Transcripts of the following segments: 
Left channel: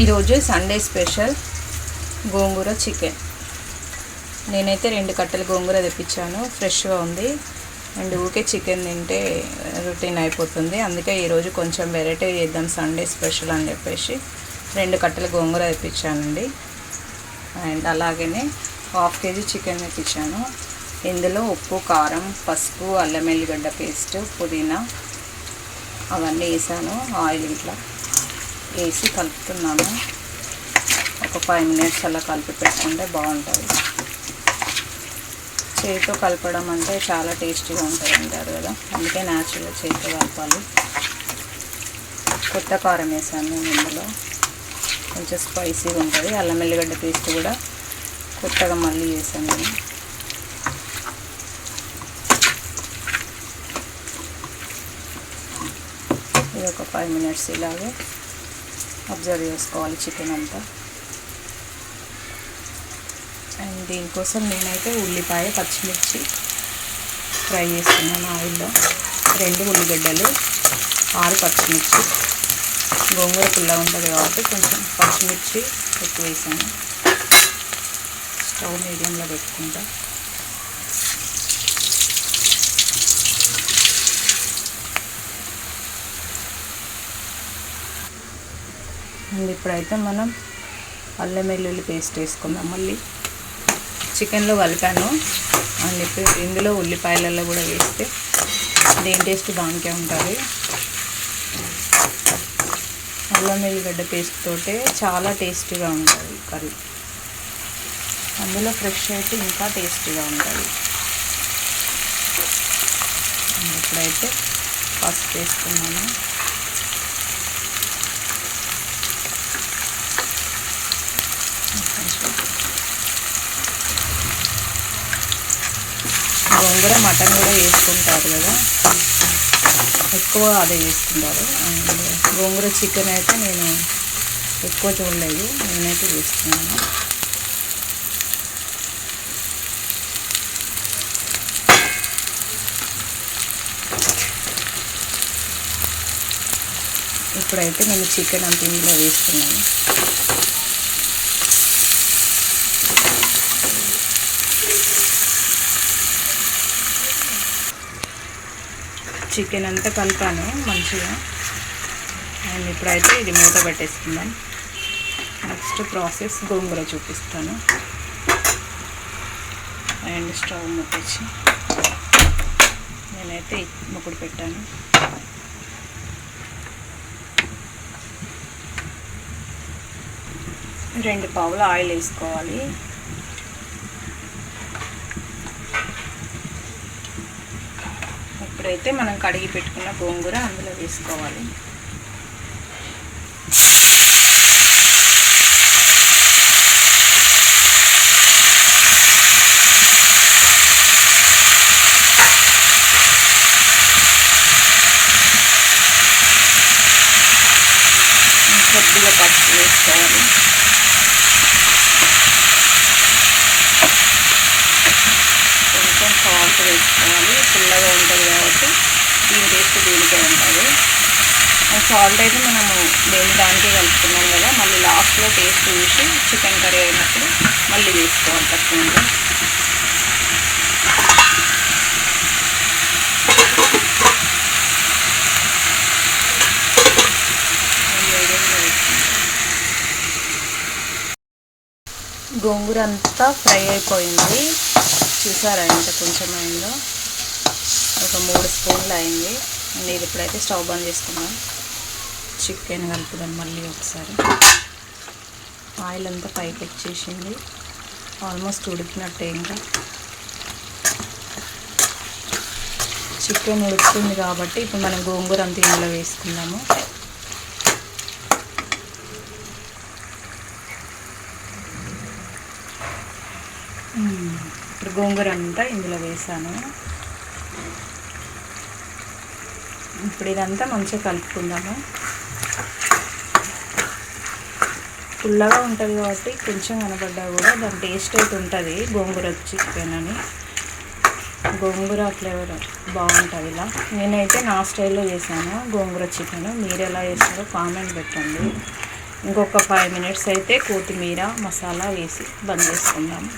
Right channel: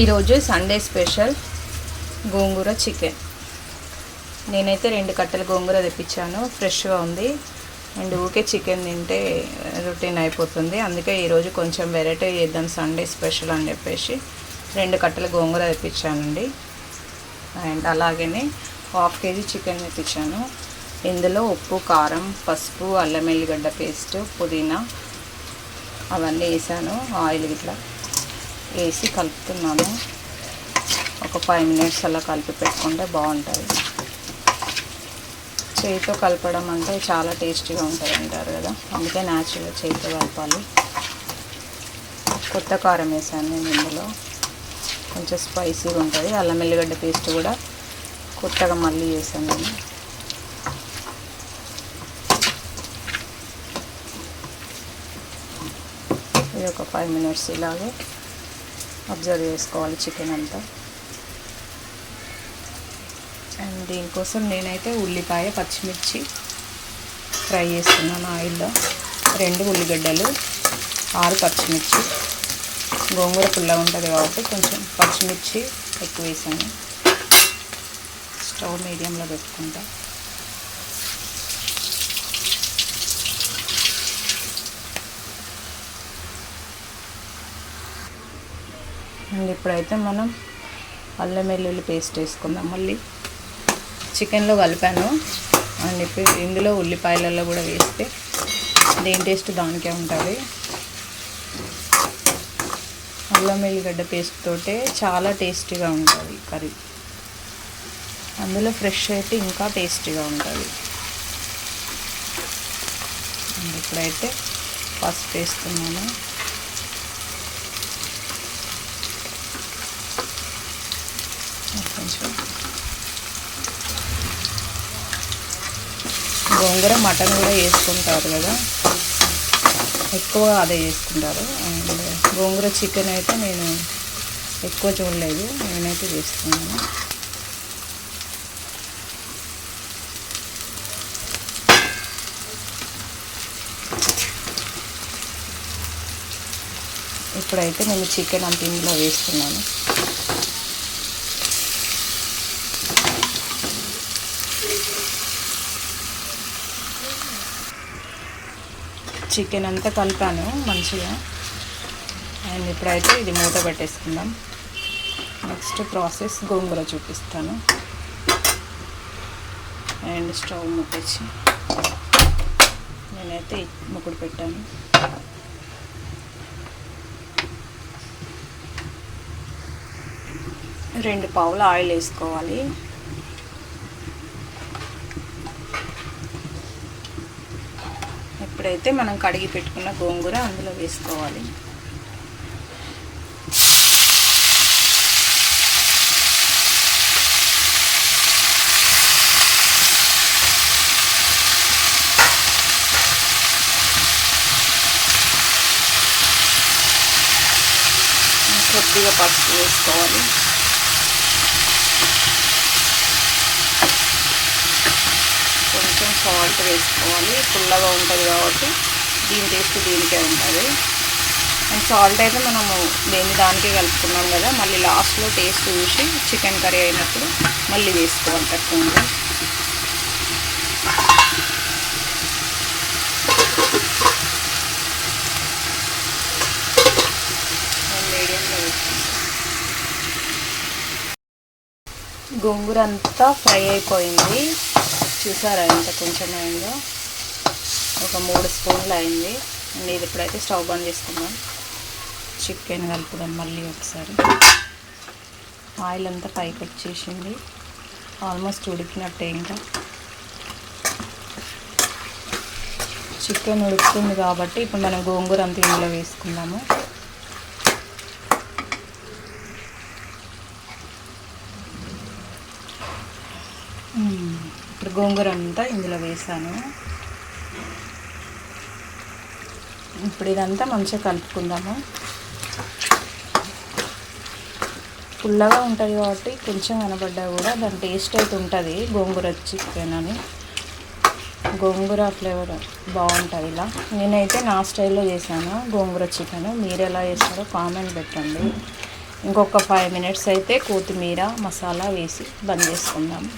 ఈరోజు Sunday special గోంగూర chicken. నేనైతే రెండు కట్టలు గోంగూర తెప్పించాను. ఫ్రెష్గా ఉంది. అండ్ ఊకే చికెన్ తింటే రొటీన్ అయిపోతుంది. అందుకే ఈరోజు కొంచెం వెరైటీ చేద్దాం సండే స్పెషల్ అని చెప్పేసి రెండు కట్టలు గోంగూర తెప్పించానండి. అండ్ అలాగనే హాఫ్ కేజీ చికెన్ తెప్పించాను. ఇందులో ఉప్పు కారం పసుపు అల్లం ఎల్లిగడ్డ పేస్ట్ పుదీనా అవన్నీ వేసాను. ఆయిల్ ఇట్లా వేసి కలుపుతున్నాను. ఒక ఫైవ్ మినిట్స్ అలా కలిపి పెట్టుకుంటే బాగుంటుంది. చేతితో కలపడం అంటే చాలా టేస్టీగా ఉంటుంది అంటారు కదా. అందుకే న్యాచురల్గా చేతితో కలపాలి. కొత్త కారం వేసాను నేను ఇందులో. కొంచెం స్పైసీగా ఉంటుంది. అల్లం ఎల్లిగడ్డ పేస్ట్ కూడా కొత్తగా మళ్ళీ చేశాను నేను. ఇది ఒక ఫైవ్ మినిట్స్ ఇలాగే అబ్జర్వ్ చేసుకోవాలి చికెన్ అంతా. అండ్ దీనికోసం నేనైతే ఉల్లిపాయ పచ్చిమిర్చి ఫ్రై చేస్తున్నాను ఆయిల్లో. రెండు ఉల్లిగడ్డలు ఆరు పచ్చిమిర్చి. గోంగూర పుల్ల ఉంటుంది కాబట్టి కొంచెం పచ్చిమిర్చి ఎక్కువ వేసాను స్టవ్ మీడియంలో పెట్టుకుంటా. అండ్ ఇప్పుడైతే మనం అల్లం వెల్లుల్లి పేస్ట్ వేసుకుందాం. మళ్ళీ చికెన్లో కలిపాను. అండ్ ఇప్పుడు ఇందులో ఉల్లిపాయలలో కూడా వేస్తే దేని టేస్ట్ దానికే ఉంటుంది. అల్లం వెల్లిగడ్డ పేస్ట్ తోటే చాలా టేస్టీగా ఉంటుంది కర్రీ. అందులో ఫ్రెష్ అయితే ఇంకా టేస్టీగా ఉంటుంది. ఇప్పుడైతే పసుపు వేస్తున్నాను. గోంగూర మటన్ కూడా వేసుకుంటారు కదా. ఎక్కువ అదే చేసుకుంటారు అండ్ గోంగూర చికెన్ అయితే నేను ఎక్కువ చూడలేదు. నేనైతే చేస్తున్నాను ఇప్పుడైతే నేను చికెన్ అంత ఇందులో వేస్తున్నాను. చికెన్ అంతా కలిపాను మంచిగా. అండ్ ఇప్పుడైతే ఇది మూత పెట్టేసుకుందాం. నెక్స్ట్ ప్రాసెస్ గోంగూర చూపిస్తాను. అండ్ స్టవ్ ముట్టేసి నేనైతే ముక్కుడు పెట్టాను. రెండు పావులు ఆయిల్ వేసుకోవాలి. ఇప్పుడైతే మనం కడిగి పెట్టుకున్న గోంగూర అందులో వేసుకోవాలి. కొద్దిగా పసుపు వేసుకోవాలి కొంచెం సాల్ట్ వేసుకోవాలి. పుల్లగా ఉంటుంది కాబట్టి దీని టేస్ట్ దీనికే ఉంటుంది. అండ్ సాల్ట్ అయితే మనము దేని దానికే కలుపుకున్నాం కదా మళ్ళీ లాస్ట్లో టేస్ట్ చూసి చికెన్ కర్రీ అయినప్పుడు మళ్ళీ వేసుకోవాలి తక్కువ గోంగూర అంతా ఫ్రై అయిపోయింది. చూసారా ఎంత కొంచెం అయిందో ఒక మూడు స్పూన్లు అయింది. అండ్ ఇది ఇప్పుడైతే స్టవ్ బంద్ చేసుకుందాం. చికెన్ కలుపుదాం మళ్ళీ ఒకసారి. ఆయిల్ అంతా పైకి వచ్చేసింది. ఆల్మోస్ట్ ఉడికినట్టే ఇంకా. చికెన్ ఉడుకుతుంది కాబట్టి ఇప్పుడు మనం గోంగూర అంతా ఇందులో వేసుకుందాము. ఇప్పుడు గోంగూర అంతా ఇందులో వేసాను. ఇప్పుడు ఇదంతా మంచిగా కలుపుకుందాము. పుల్లగా ఉంటుంది కాబట్టి కొంచెం కనబడ్డా కూడా దాని టేస్ట్ అయితే ఉంటుంది గోంగూర చికెన్ అని. గోంగూర ఫ్లేవర్ బాగుంటుంది ఇలా. నేనైతే నా స్టైల్లో చేశాను గోంగూర చికెన్. మీరు ఎలా చేస్తారో కామెంట్ పెట్టండి. ఇంకొక ఫైవ్ మినిట్స్ అయితే కొత్తిమీర మసాలా వేసి బంద్ చేసుకుందాము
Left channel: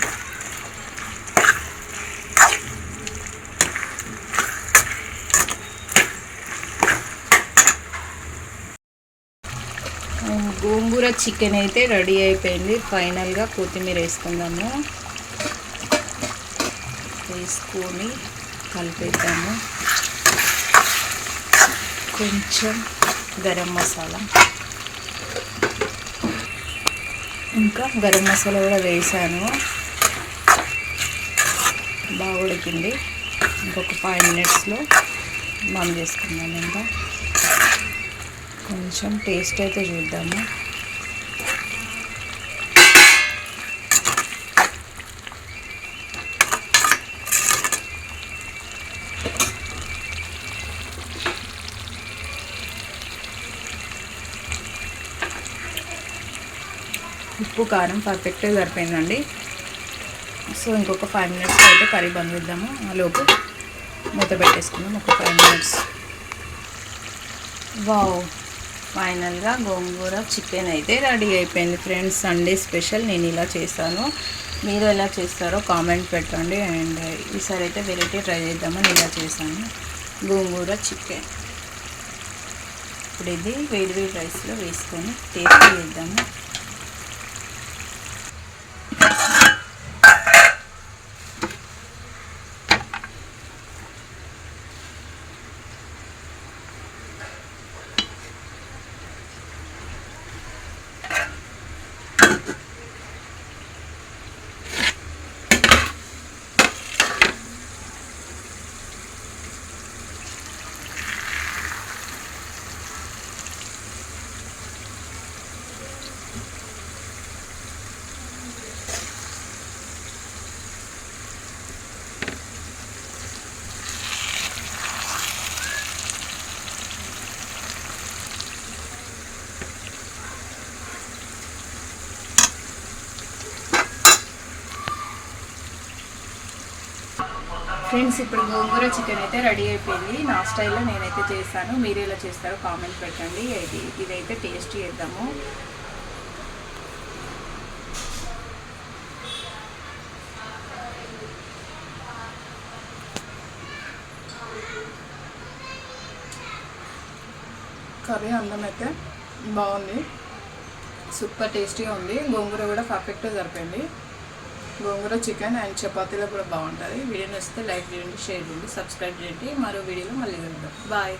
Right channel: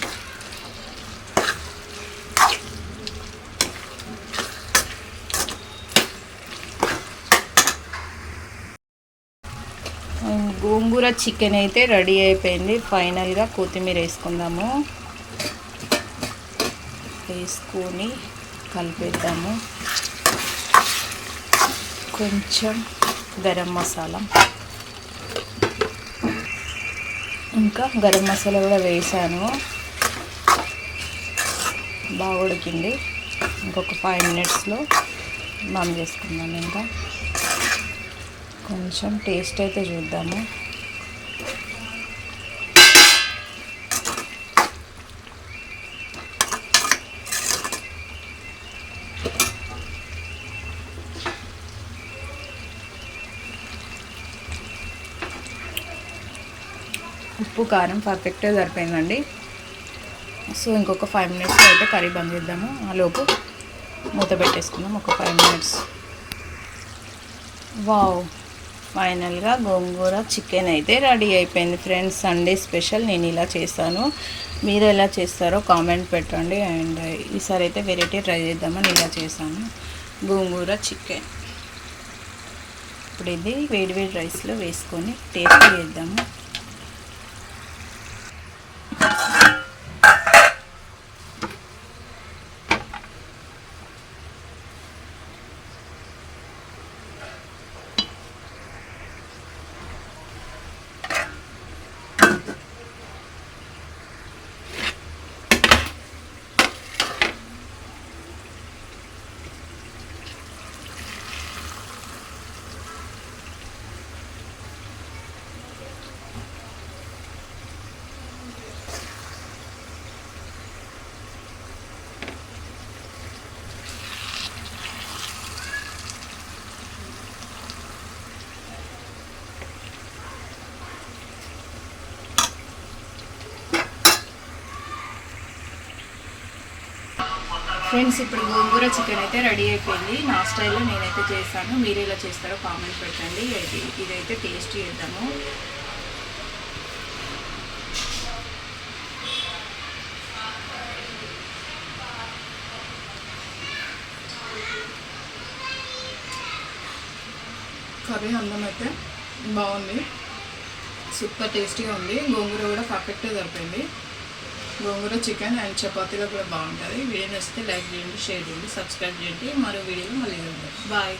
అండ్ గోంగూర చికెన్ అయితే రెడీ అయిపోయింది. ఫైనల్గా కొత్తిమీర వేసుకుందాము. వేసుకొని కలిపేద్దాము. కొంచెం గరం మసాలా. ఇంకా గరం మసాలా కూడా వేసాను. బాగా ఉడికింది. ఇంకొక ఫైవ్ మినిట్స్లో మనం చేసుకుందాం ఇంకా. కొంచెం టేస్ట్ అయితే చూద్దాము. ఉప్పు కారం పర్ఫెక్ట్గా సరిపోయిందండి. సో ఇంకొక ఫైవ్ మినిట్స్లో అయితే కర్రీ బంద్ చేద్దాము. ఆ లోపు మూత పెట్టేసుకుందాం. ఒక ఫైవ్ మినిట్స్ వావ్ ఫైనల్గా గోంగూర చికెన్ అయితే రెడీ అయిపోయింది ఫ్రెండ్స్. సండే స్పెషల్ నేను ఇలా చేస్తాను మీరు ఎలా చేస్తారో కామెంట్ పెట్టండి. అండ్ ఈసారి అయితే వెరైటీ ట్రై చేద్దామని ఇలా చేశాను. గోంగూర చికెన్. ఇప్పుడు ఇది వేడి వేడి రైస్లో వేసుకొని టేస్ట్ చేద్దాము. ఫ్రెండ్స్ ఇప్పుడు గోంగూర చికెన్ అయితే రెడీ అయిపోయింది. నా స్టైల్లో నేనైతే చేస్తాను. మీరు ఎలా చేస్తారో కామెంట్ పెట్టండి. ఇది ఇదైతే టేస్ట్ చేద్దాము. కర్రీ అన్నం అయితే బాగుంది. సూపర్ టేస్టీగా ఉంది. గోంగూర కూడా పర్ఫెక్ట్గా సరిపోయింది. గోంగూర చికెన్ అండ్ చపాతీలో కూడా బాగుంటుంది వీడియో నచ్చితే లైక్ చేయండి షేర్ చేయండి సబ్స్క్రైబ్ చేయండి. మరో వీడియోలో మళ్ళీ కలుద్దాం. బాయ్.